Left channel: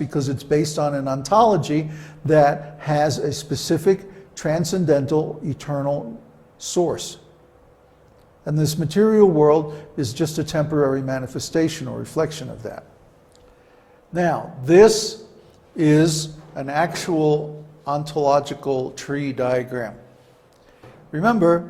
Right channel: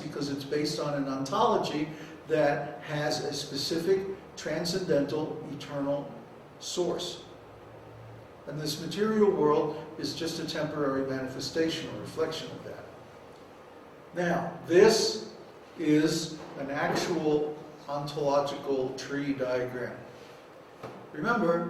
because it's based on an ontology that has a specific transcendental, eternal source. And this material world is just a temporary manifestation or reflection of that. Now, this is an actual ontological tree diagram. Remember,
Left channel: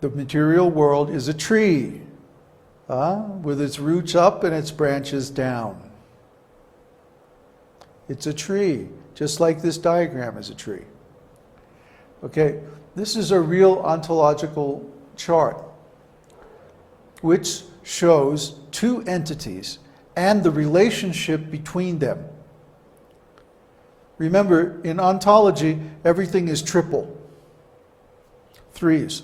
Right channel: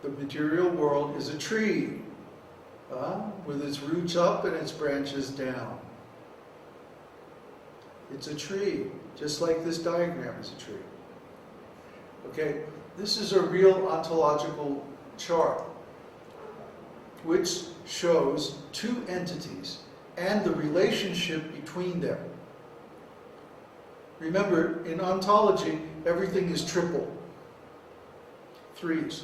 the material world is a tree with its roots up and its branches down. It's a tree, just like this diagram is a tree. Okay, this is a real ontological chart which shows two entities and the relationship between them. Remember, in ontology, everything is triple. Threes.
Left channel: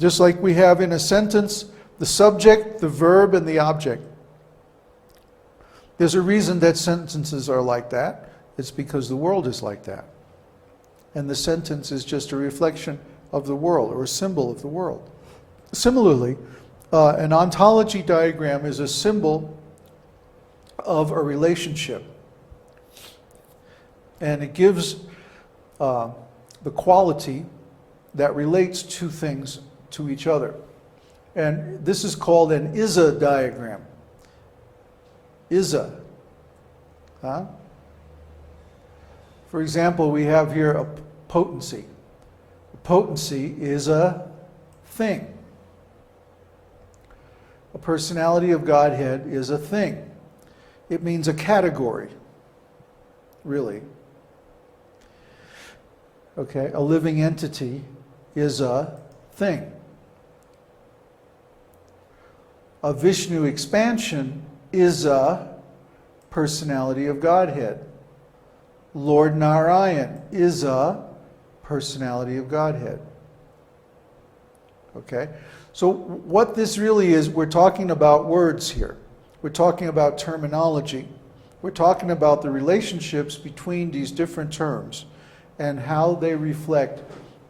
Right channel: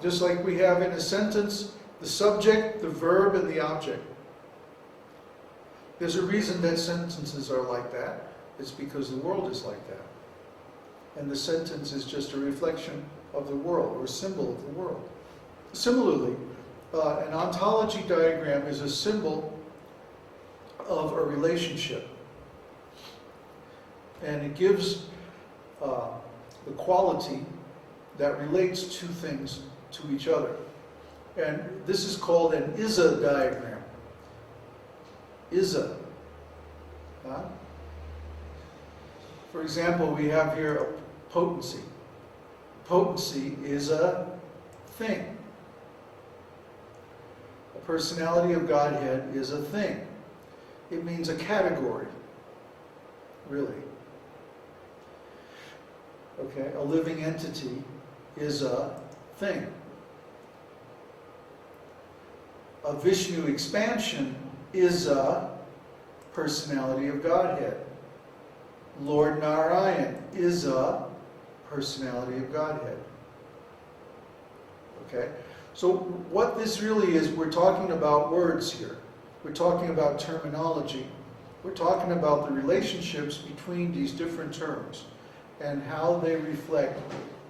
Just like we have in a sentence, the subject, the verb, and the object. There's a reason that sentences are like that. It's because the world is like that. And the sentence is just a reflection of the world, or a symbol of the world. Similarly, an ontology diagram is a symbol of a relationship. And it gives the quality that relates two things to each other. And this is called an is-a diagram. Is-a. For example, we have here a potency. Potency is a thing. A personality of Godhead is a thing. It means a category, really. Okay, a living entity is a thing. A Vishnu expansion is a personality of Godhead. Lord Narayan is a personality of Godhead. Okay? So what this really is, we're talking about words here. We're talking about terminology. We're talking about the relationships between these different terms and how they reflect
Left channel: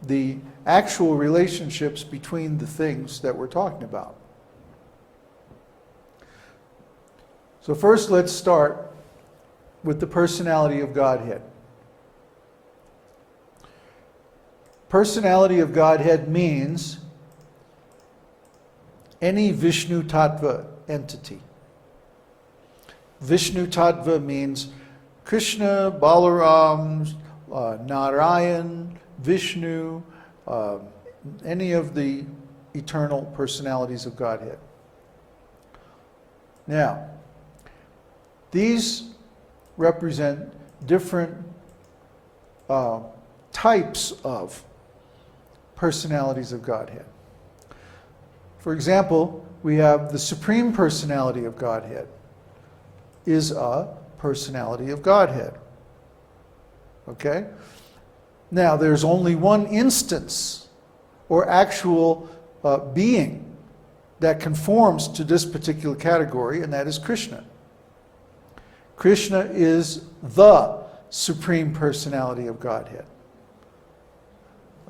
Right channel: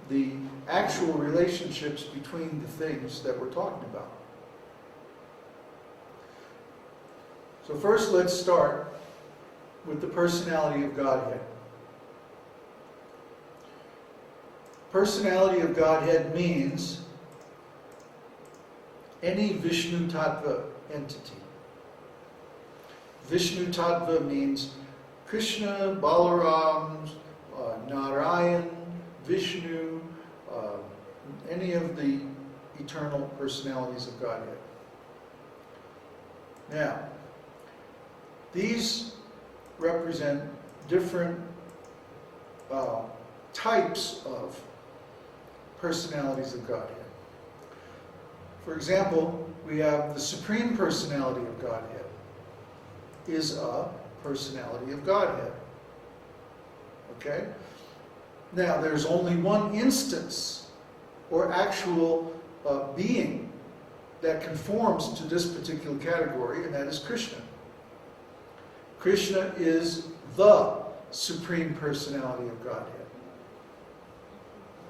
the actual relationships between the things that we're talking about. So first, let's start with the personality of Godhead. Personality of Godhead means any Vishnu Tattva entity. Vishnu Tattva means Krishna, Balaram, Narayan, Vishnu, any of the eternal personalities of Godhead. Now, these represent different types of personalities of Godhead. For example, we have the Supreme Personality of Godhead is a personality of Godhead. Okay? Now, there's only one instance or actual being that conforms to this particular category, and that is Krishna. Krishna is the Supreme Personality of Godhead.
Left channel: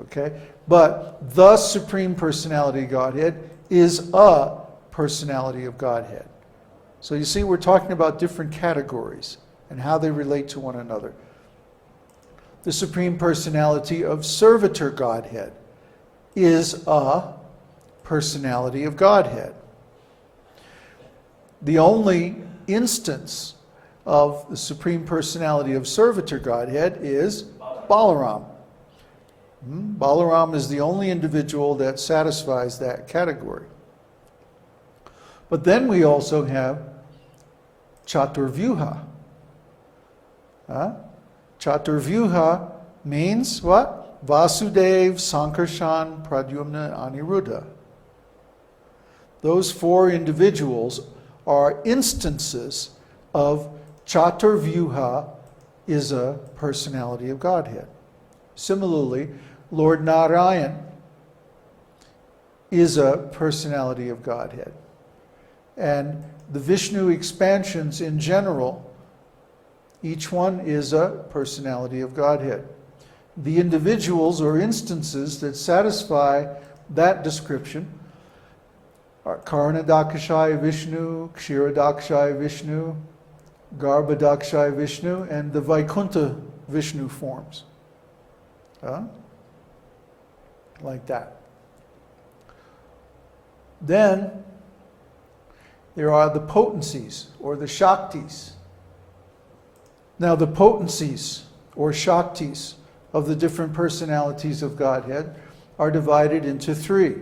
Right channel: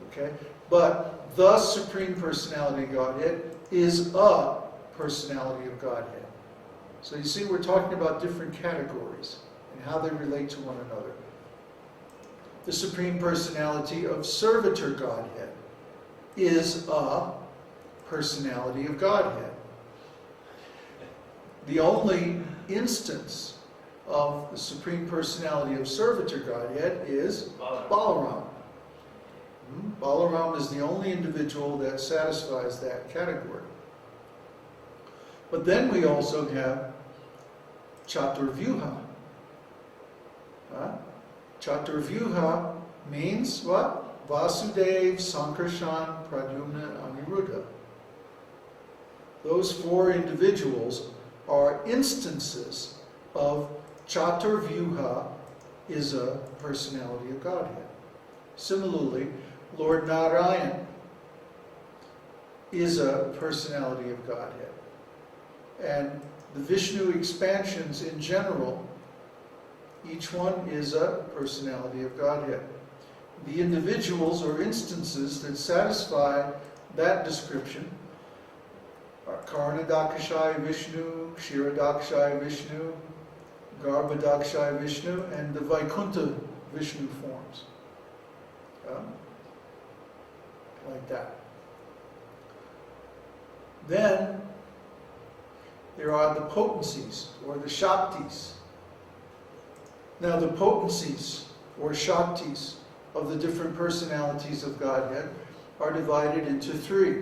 Okay? But the Supreme Personality of Godhead is a personality of Godhead. So you see, we're talking about different categories and how they relate to one another. The Supreme Personality of Servitor Godhead is a personality of Godhead. The only instance of the Supreme Personality of Servitor Godhead is Balaram. Balaram is the only individual that satisfies that category. But then we also have Chaturvyuha. Chaturvyuha means what? Vasudev, Sankarshan, Pradyumna, Aniruddha. Those four individuals are instances of Chaturvyuha is a personality of Godhead. Similarly, Lord Narayan is a personality of Godhead. And the Vishnu expansions in general, each one is a personality of Godhead. The individuals or instances that satisfy that description are Karanadakashaya Vishnu, Kshiradakashaya Vishnu, Garbhodakshay Vishnu, and the Vaikuntha Vishnu forms. Like that. Then there are the potencies, or the Shaktis. Now the potencies, or Shaktis, of the different personalities of Godhead are divided into three.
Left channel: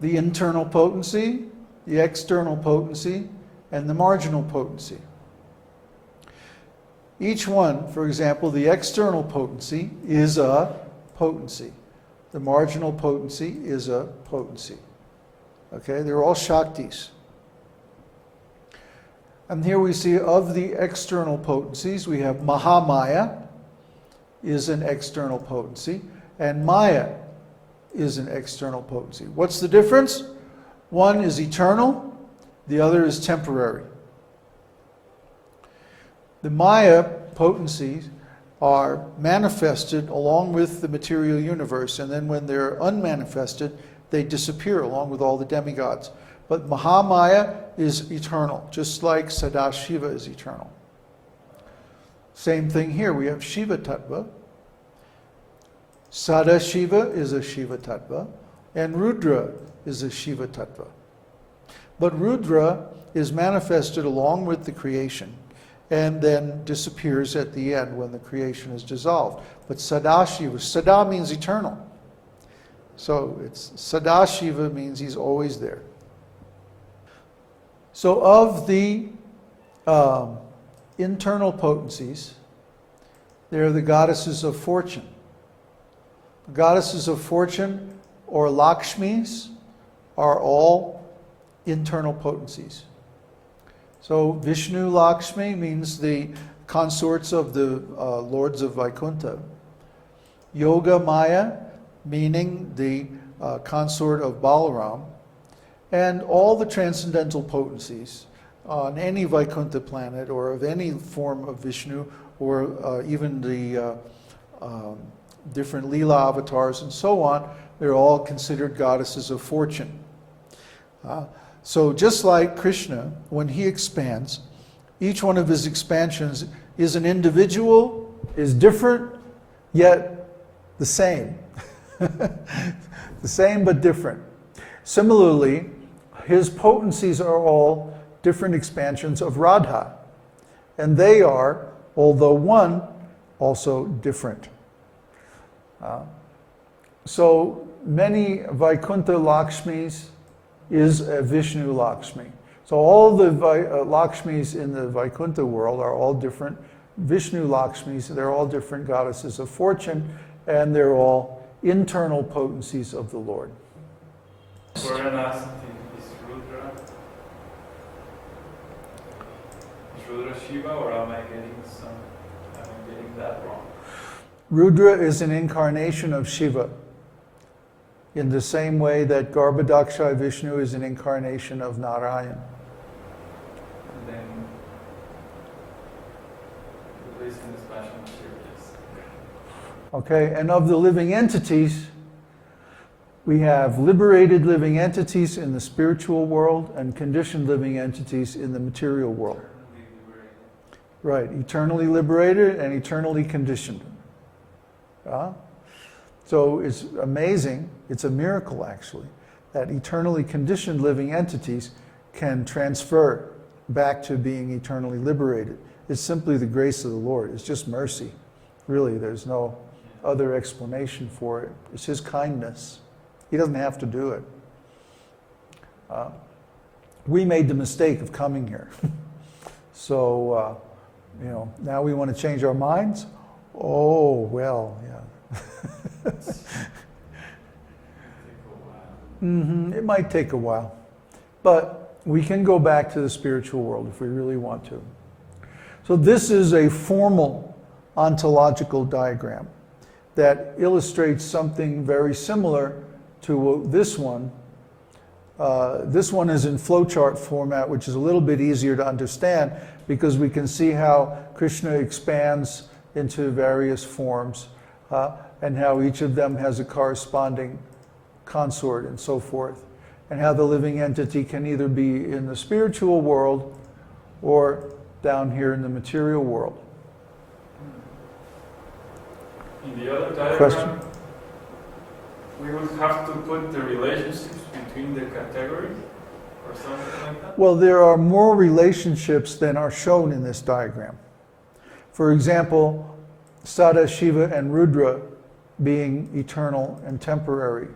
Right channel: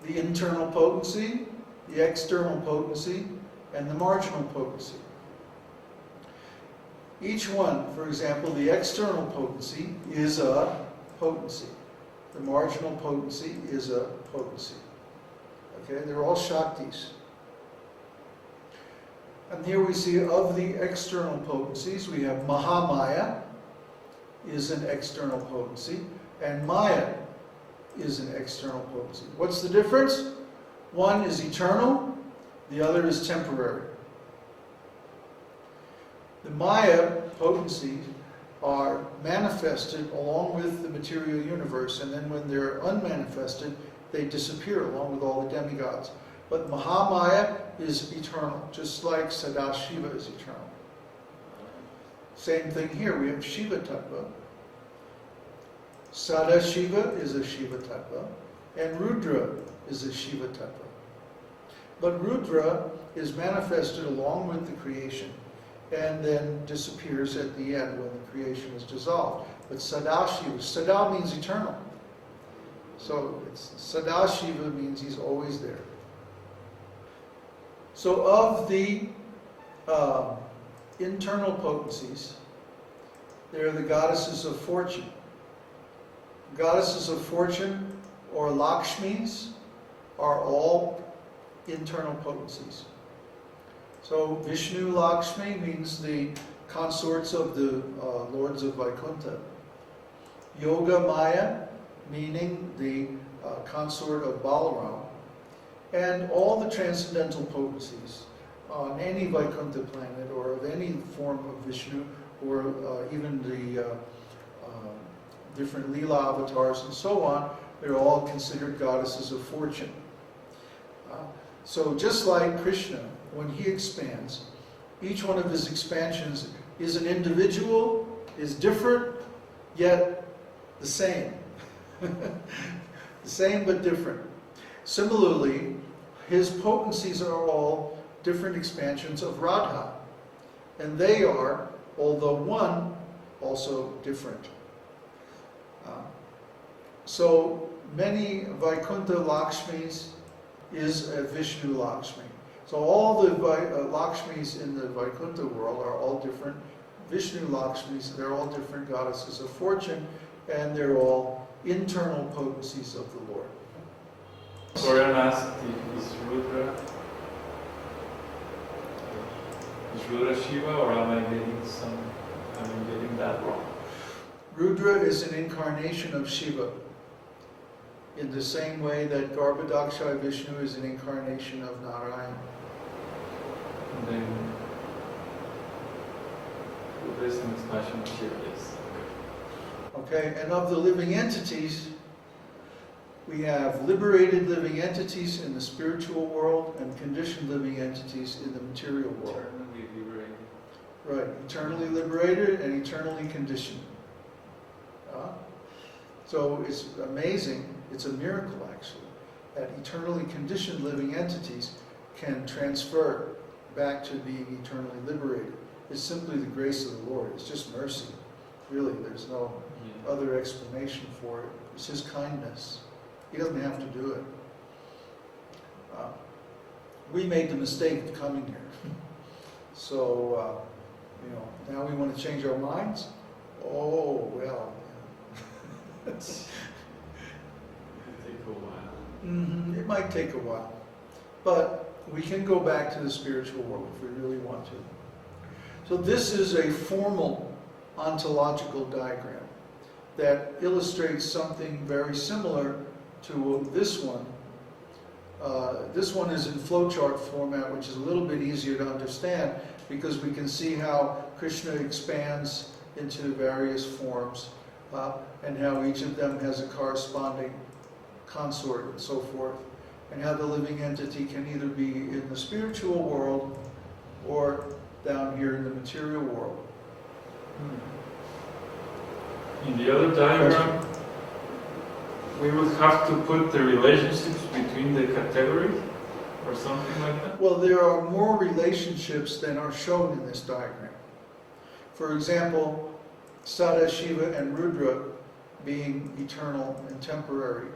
The internal potency, the external potency, and the marginal potency. Each one, for example, the external potency is a potency. The marginal potency is a potency. Okay, they're all Shaktis. And here we see of the external potencies, we have Mahamaya is an external potency, and Maya is an external potency. What's the difference? One is eternal, the other is temporary. The Maya potencies are manifested along with the material universe, and then when they're unmanifested, they disappear along with all the demigods. But Mahamaya is eternal, just like Sadashiva is eternal. Same thing here, we have Shiva Tattva. Sadashiva is a Shiva Tattva, and Rudra is a Shiva Tattva. But Rudra is manifested along with the creation, and then disappears at the end when the creation is dissolved. But Sadashiva, Sada means eternal. So it's Sadashiva means he's always there. So of the internal potencies, there are the goddesses of fortune. Goddesses of fortune, or Lakshmis, are all internal potencies. So Vishnu Lakshmi means the consorts of the lords of Vaikuntha. Yoga Maya, meaning the consort of Balaram. And all the transcendental potencies on any Vaikuntha planet, or of any form of Vishnu, or even the different Leela avatars and so on, they're all considered goddesses of fortune. So just like Krishna, when he expands, each one of his expansions is an individual, is different, yet the same. The same but different. Similarly, his potencies are all different expansions of Radha. And they are, although one, also different. So many Vaikuntha Lakshmis is a Vishnu Lakshmi. So all the Lakshmis in the Vaikuntha world are all different Vishnu Lakshmis. They're all different goddesses of fortune, and they're all internal potencies of the Lord. Florian asked, is Rudra Shiva, or am I getting that wrong? Rudra is an incarnation of Shiva, in the same way that Garbhodakshay Vishnu is an incarnation of Narayan. And then Rudra is an expansion of Shiva, yes. Okay, and of the living entities, we have liberated living entities in the spiritual world and conditioned living entities in the material world. Eternally liberated. Right, eternally liberated and eternally conditioned. So it's amazing, it's a miracle actually, that eternally conditioned living entities can transfer back to being eternally liberated. It's simply the grace of the Lord. It's just mercy. Really, there's no other explanation for it. It's His kindness. He doesn't have to do it. We made the mistake of coming here. So, now we want to change our minds? Oh, well, yeah. It might take a while. But we can go back to the spiritual world if we really want to. So this is a formal ontological diagram that illustrates something very similar to this one. This one is in flowchart format, which is a little bit easier to understand because we can see how Krishna expands into various forms and how each of them has a corresponding consort and so forth, and how the living entity can either be in the spiritual world or down here in the material world. In the other diagram, we would have to put the relationships between the categories or something like that? Well, there are more relationships than are shown in this diagram. For example, Sada, Shiva, and Rudra being eternal and temporary.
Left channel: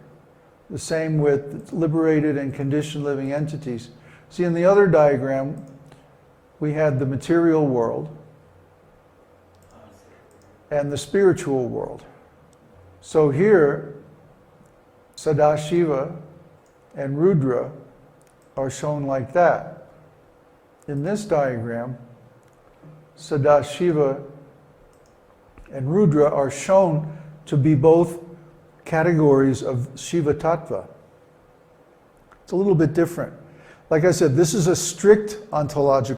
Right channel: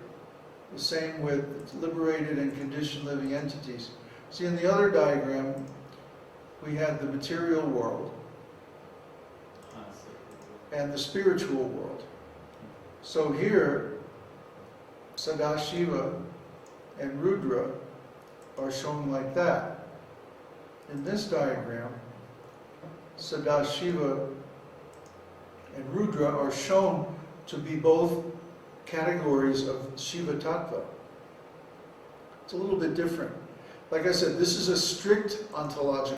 The same with liberated and conditioned living entities. See, in the other diagram, we had the material world and the spiritual world. So here, Sadashiva and Rudra are shown like that. In this diagram, Sadashiva and Rudra are shown to be both categories of Shiva Tattva. It's a little bit different. Like I said, this is a strict ontological